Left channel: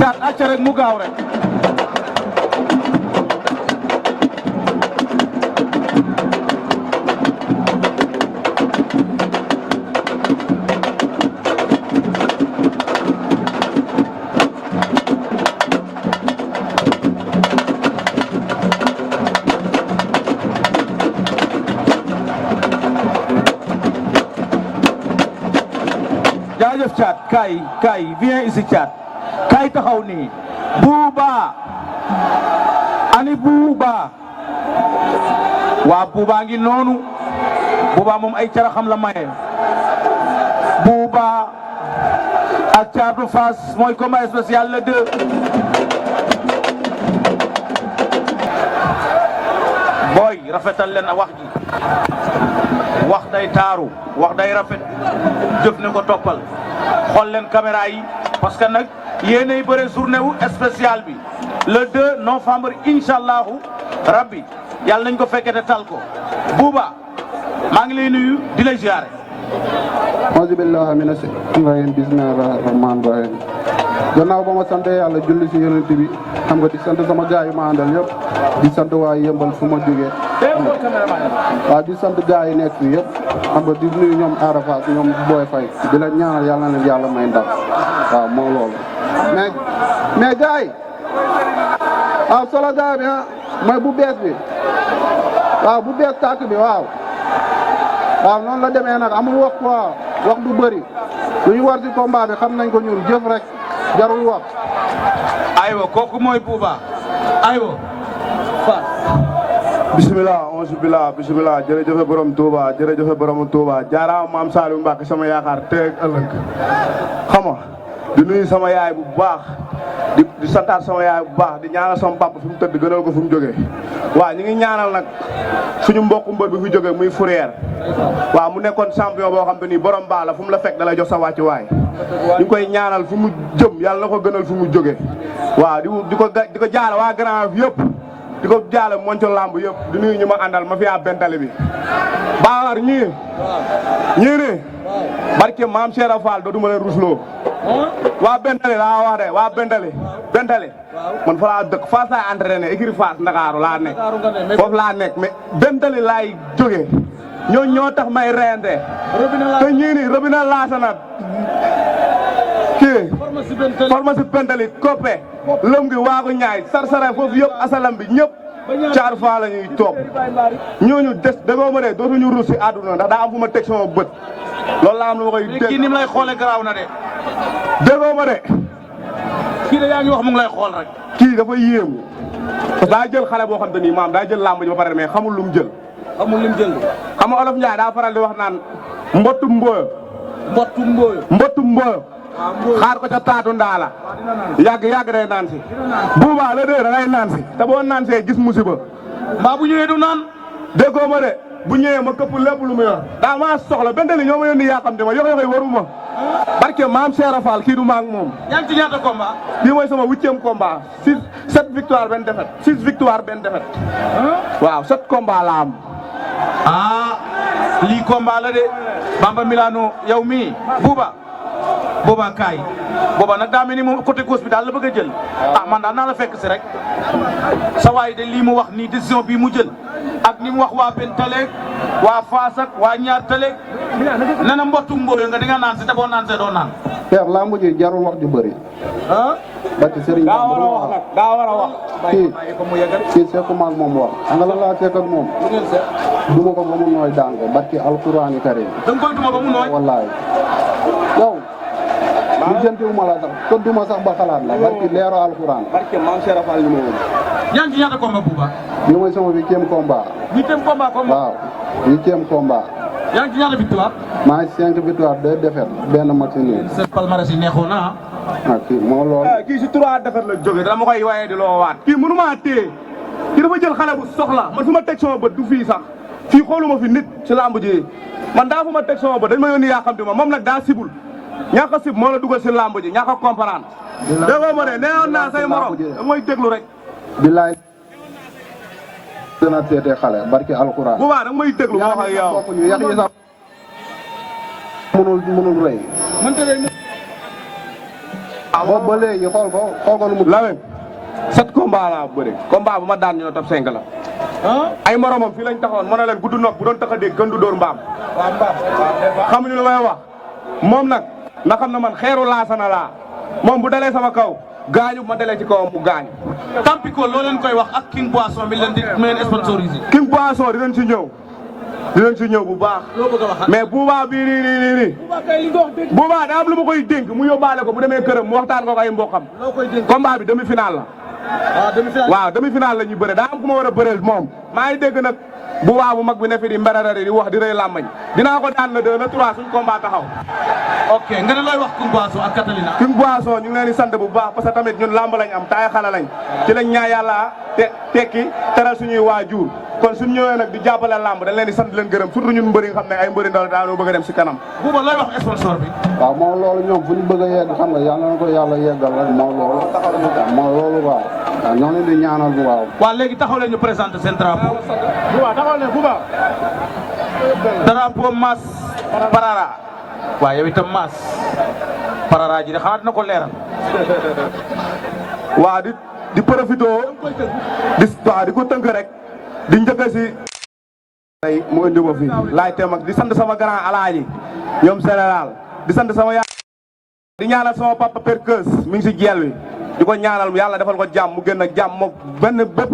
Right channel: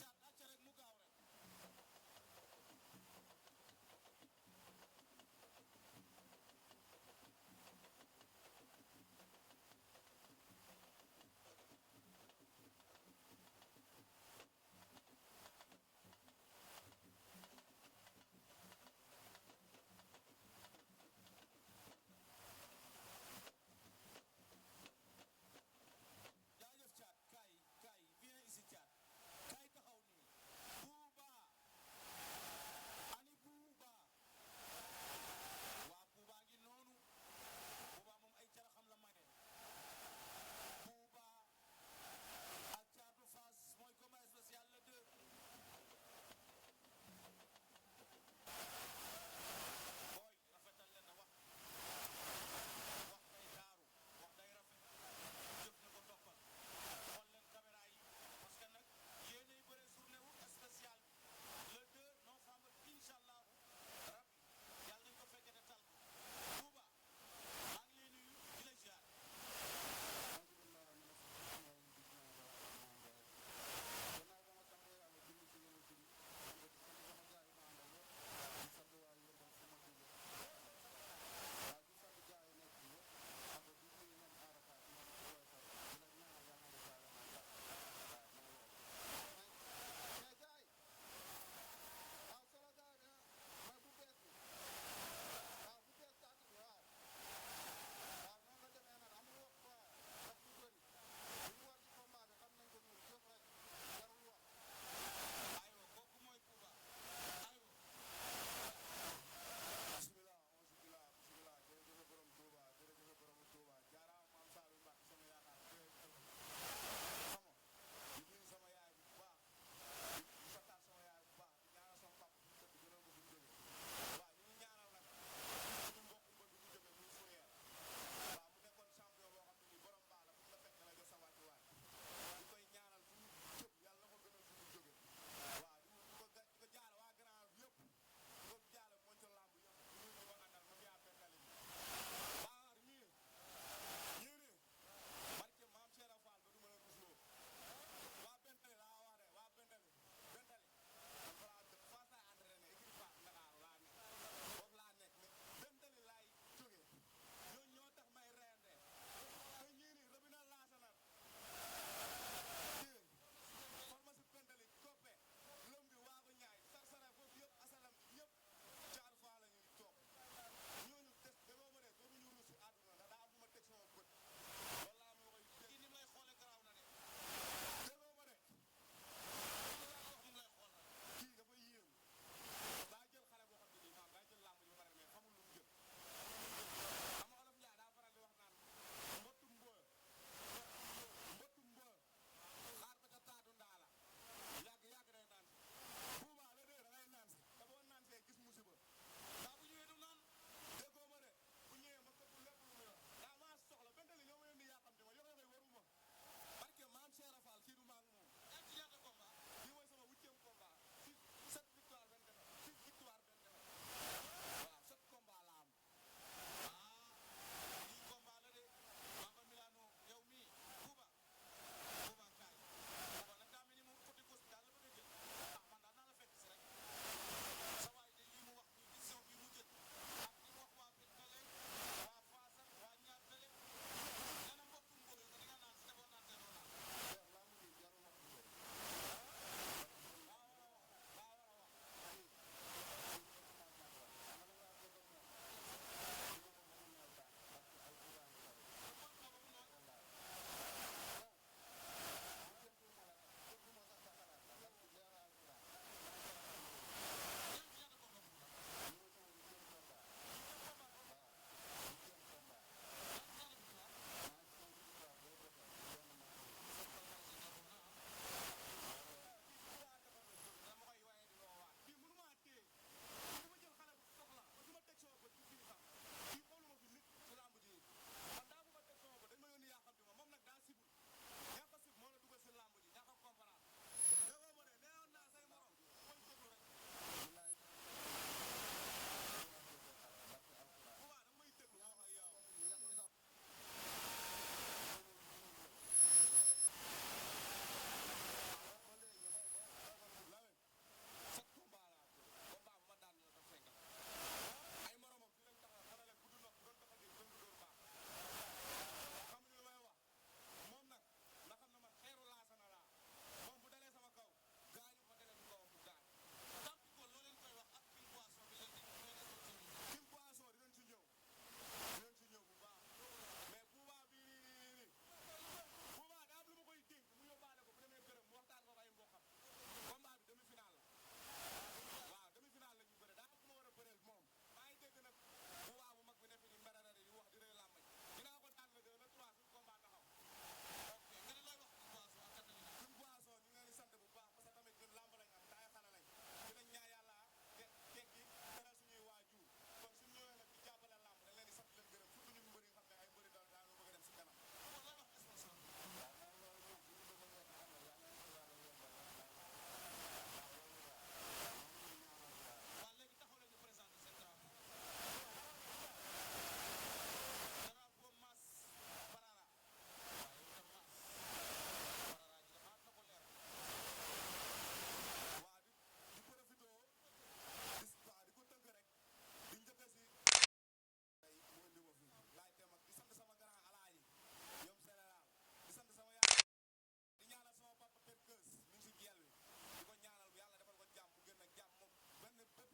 caat acca rek mu gaaw rek jaajëf caat kaay viens ici caat kaay taxaw nii Bouba ani Bouba waa Bouba ngi noonu Bouba moom ay caraxam la maye Bouba ak Thiatou Fass mooy combat spécial le 2 booy rafetal leen a wax ji wax day taaru wax day rafet jëf ne ko toppal xool leen caméra yi parce que nag yéenay bëre journée wu spécial bi le 2 novembre incha allahu rabbi yàlla nañ ko fekkee te tal ko Bouba maa ngi lay nuyu di lay ziare. auzu billahi mina shaytaani rajiim bismillahi rahmaani rahiim gannaaw ba ma sant yàlla julli si yonent bi xam nga di sant sama gaay yi ma àndal yëpp di sant waa Yëmbal fu ma jógee waaw di sant gaay yi nekk fii yëpp xam nga di nuyu ñoom Arafat ñoom Boy Faye di la ñaanal yàlla na leen yàlla may ndam waaw moo loolu mais gaay yi waaw solo gaay bi mooy bu bees bi waaw bu bees tàkk bi waaw noonu la demee nag amul wax quoi wax du bëri lu ñu war ci combat bi xam nañ ko ñun jëf rek jarul wax. aywa kooku mooy Bouba aywa Fass. bisimilah onze bisimilah jërëjëf borom Touba jërëjëf borom Touba jaaraama maam Saliou Mbacke sama yaakaar teeg ëllëg xam nga di nuyu sama yaay bu baax di santaat sama yaay bu baax di ñaanal sama papa fi mu tëdd gënal ko fi mu jógee waaw ñu ngi ñaanal nag suñu mbokku mbër bi fi jógee muy Fourrière waaw mu nekkoon champion boo xam te ni borom baax la fu mu la fekk da lay jox sa wàccu waay ñu ngi koy ñaanal fu mu jëm yàlla na ko gënal fu mu jógee waaw di ko jaale waa Grand yëpp di ko jaale monco lamb yëpp di nuyu ñu ma àndal ma fi yaa bentali bi Baar ñii ne barke maam Cheikh Fall dootuma leen rusloo waa bentali laa wax de waa bentali man fa laa dëkk Fass laay entraîné écurie Fass Ndakaaru laa nekk foofu laa nekk mais bentali laay jógee ñoo tax may reyante te ñii ni robinet laasana kii pharmacie bentali koppe lëm gi waagu ñaay sarsara foofu yëpp asalam bi ñëpp caar faa la ñuy toog ñooñu des dagoo ma de dootuñu ruus si àdduna ndax daa am fu ma teg sama bët loolu laa am lu ma koy dégg kii ni mu lay xoolee garaaw na de dagoo ma de kii de yaa ngi wax mu ngi lay xool rek kii dafa yéemu parce que daa jël xale boo xam te nii maam daa jël làmb ji ba pare mais xamul lu mu jël xam nga olof Njaay daa faral di wax naan mbottu mbooyo xaar ko ca taatu ndaala yàgg day naan si Bouba la dee da ngay naan si te boo naan see gis musiba mbaa bu ñëwee du naan déggoo ma de bu ñëwee ma këpp lépp lu mu yor daa maa soxla bentali ñoo ma yónni yàqamte ma yox waruma barke maam Cheikh Fall kii du maag moom yaa ngi ci ñaata combat bii mooy sama 8e combat 7 victoire benn défaite 6 victoire benn défaite waaw 7 combat la am lii combat la de Bamba Milano yow mii Bouba kaay booba nag daa mel ni moom côté gauche bi daal la bëgg a jël man daal naa la fekk si rek sa waay de lii mu wax nii décision bii mu jël ak ni mu wax waa Bentale waa Fass ak waa ñaar tale nee na mbottu mbooyo nga di nga naan si te boo naan see doo naan Père lamb ji jarul wax ju bëri barke Serigne daa war a wax nag daa war a wax kii sekkuma ak moom wax nga la laa sekk ak moom duma ko ba mu nooy daan ko barke alquraan karim da nga koy duma ba mu nooy wallaay yow lu jëntiwuma la sax te duma sax ba xalaat la barke leero alquraan barke maam Cheikh Fall ñu ma woon yaa ngi ci ñaata combat Bouba bi mooy sama 8e combat 8e combat waaw 8e combat yaa ngi ci ñaata victoire maa ngi 5 victoire 2 défaites benn match nul sa palmarès yi neexoon na kii moo lool kii si 3 défaites la jóge dama koy waaye di loo waat kii mënu maa téye kii dafa jël xale bu soxla man fu ma teg sama bët du fii sax fii xooluma fi nit si lamb ji man daa fu ma teg sama bët dañ ma yónni yaa xam te ma moom nag daa sibul ñàkk a sib moo la dugal si lamb ji ñàkk a comprendre déggoo ma de neewoon naa say morom da mooy déglu rek bilaay dana teete xale barke alquran bu baax da may déglu ma wax ak yow bokkuñu yax yi sax mënul rëy boobu ba léegi xool ko lu mu. Lamine 7 combat laa bëri combat bu ma daan ñu ne top 5 la. ay moromam fii lañ taxawoon mën na leen gudd nopp bu doon tax a dégg gën du dóor mbaam. xamuñu lu may wax moom nag na xam na man xeeru laasana laa moom bu dalee sama kaw gaañu ma dalee ci kawam mu gaañu. Tampico loo leen koy wax ak King Boisson mi leen di sponsorisé. King Boisson dinañ ci ñëw bu baax. mais buubaa bii nii buubaa daa am lu ma koy dénk mu yóbbaale ko bu demee këram mu waxtaan ko ay mboqam. combat bi demi final la. waaw demi final la ñuy bëre daa am ku ma war a bëreel moom maa ngi dégg nag buubaa bu mag bi ne fi di mberarari di wax di rëy làmmañ dinaa ko daan le 2 le 3 suñ combat taxaw. ok nga ne looy wax King Boisson ak Catalina. King Boisson ñu ngi leen di sant bu baax parce que tamit ñun làmb lañ am taay xale lañ ci lañ ñaa yàlla tekki teral suñuy waajur kon suñ ñëwee nag di jàppale làmb dañ leen di sant leen gërëm surtout ñun mbëri nga xam ne ay mbëri ndaw daanoo bëgg a dem si kanam. Bouba looy wax sponsor bi. waaw moom loolu ñoom fu ñu bëgg a yegg xam nga yàlla na ko yàlla yeggal rek moom loolu waaw ñoo leen di ñaanal bu waaw. waaw léegi taxaw leen ñu présenté seen drapeau. drapeau Mass Parara. waaw yow itam Mass Parara ji de xanaa dina ko leeral. waa di profité di ko tënk rek di njëkk si tey mu indi ma fi laay teem ak di sant sama grand alaaji ñoom général di sant sama yaay di ñaanal sama papa Perkeus mi ngi si jeel wi di ko ñaanal yàlla defal ko jàmm mu génn ak jàmm moom benn bépp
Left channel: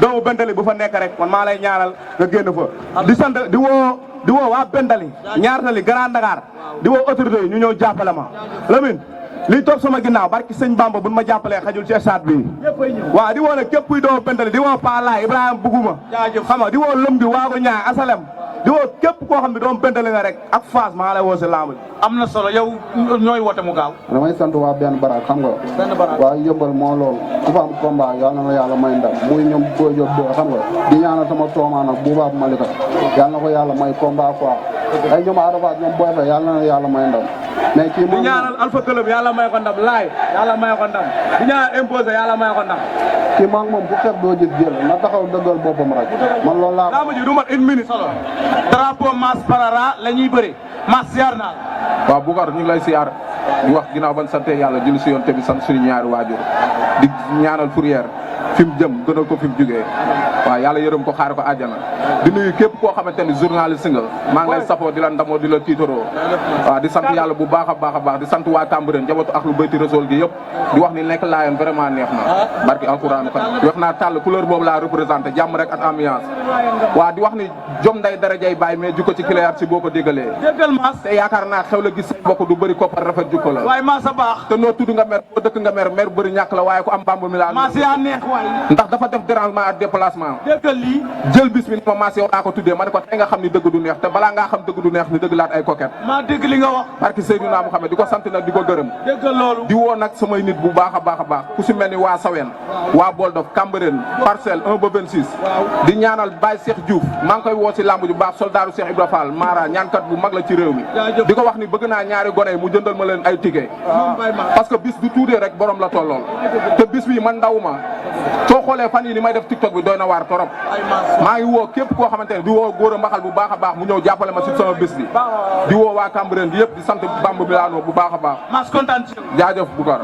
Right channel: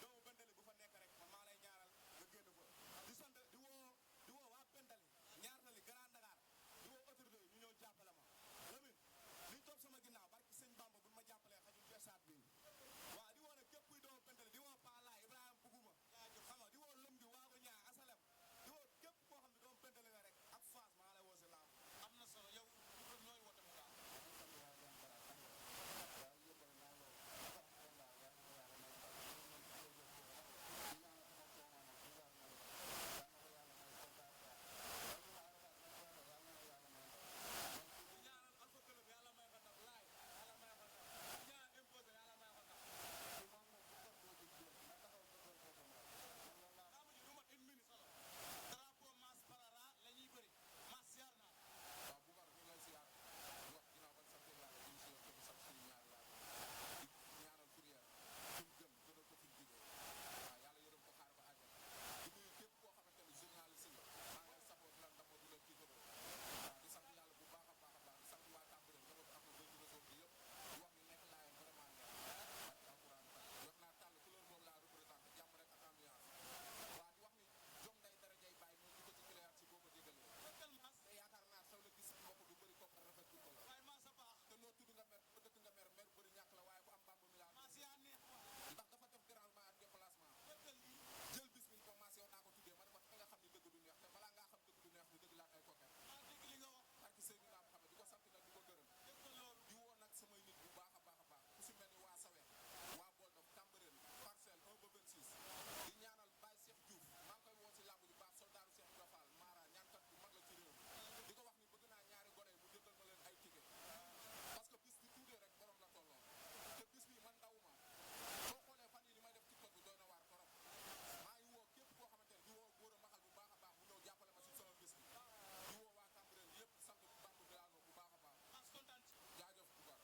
doomu bendali bu fa nekk rek man maa lay ñaanal nga génn fa di sant di woo waa bendali ñaar tali Grand Dakar di woo autorité yi ñu ñëw jàppale ma Lamine lii toog sama ginnaaw barki sëñ Bamba buñ ma jàppalee xajul ci stade bi waaw di woo nag képp kuy doomu bendali di woo Palaay Ibrahima Buguma xam nga di woo lëm bi waago ñaay asalem di woo képp koo xam ne doomu bendali nga rek ak Fass maa lay woo si lamb am na solo yow ñooy woote mu gaaw. damay sant waa benn baraak xam nga. waa yëmbal moo loolu ku fa am combat yàlla na yàlla may ndam muy ñoom Boy Diop do xam nga di ñaanal sama toomaa nag bu baax Malika yàlla na ko yàlla may combat quoi ay ñoom Arafat ñoom Boy Faye yàlla na yàlla may ndam mais kii di ñaanal Alpha Club yàlla may ko ndam laay yàlla may ko ndam di ñaanal imposé yàlla may ko ndam kii maa ngi moom ku xeeb doo gis jël na taxaw dëggal boppam rek man loolu laa laa ma ji du mat une minute solo drapeau Mass Parara la ñuy bëri Mass ziar naa waaw Boucar ñu ngi lay siyaar di wax ginnaaw ban sante yàlla julli si yoon te bi sant suñu ñaari waajur di ñaanal Fourrière fi mu jëm gënal ko fi mu jógee waaw yàlla yërëm ko xaar ko àjjana di nuyu képp koo xamante ni journaliste nga maa ngi lay safoo di la ndamoo di la tiitaroo waaw di sant yàlla bu baax a baax di sant waa Cambérène njabootu ak lu bayti réseau gi yëpp di wax ni nekk laayoon vraiment neex na barki alxuraan kan wax naa tàll couleur boobu laa représenté jàmm rek ak ambiance waaw di wax ni jom nday darajay bàyyi mais jukko ci kilayaat si boo ko déggalee déggal Mass te yaakaar naa xew la gis say mbokk du bëri koppar rafet jukko la waaye Mass a baax te noo tudd nga mer boo dëkk nga mer bëri ñàkk la waaye ku am bamb mi laa Mass yaa neex waay ndax dafa def dérangement ak déplacement déggal lii jël bis bi ni ma Mass yow laa ko tuddee ma ne ko tey nga xam ni dëgg du neex te balaa ngaa xam dëgg du neex ni dëgg laat ay coquette maa dégg li nga wax barki Seydina Muhammad di ko sant nag di ko gërëm déggal loolu di woo nag samay nit bu baax a baax ku si mel ni waa Sawen waa Boldof Cambérène Parcelles 1 ba 26 di ñaanal Baye Cheikh Diouf maa ngi koy woo si lamb ju baax soldaaru Cheikh Ibra Fall Mara ñaankat bu mag la ci réew mi di ko wax ni bëgg naa ñaari gone yi mu jëndal ma leen ay ticket parce que bis du tuudee rek borom la tollool te bis bi man ndaw ma soo xoolee fan yi ni may def TikTok bi doy na waar torop maa ngi woo képp koo xamante ne di woo góor a mbaxal bu baax a baax mu ñëw jàppale ma si sama bis bi di woo waa Cambérène bi yëpp di sant Bamba Milano bu baax a baax Mass kontaan ci jaajëf Boucar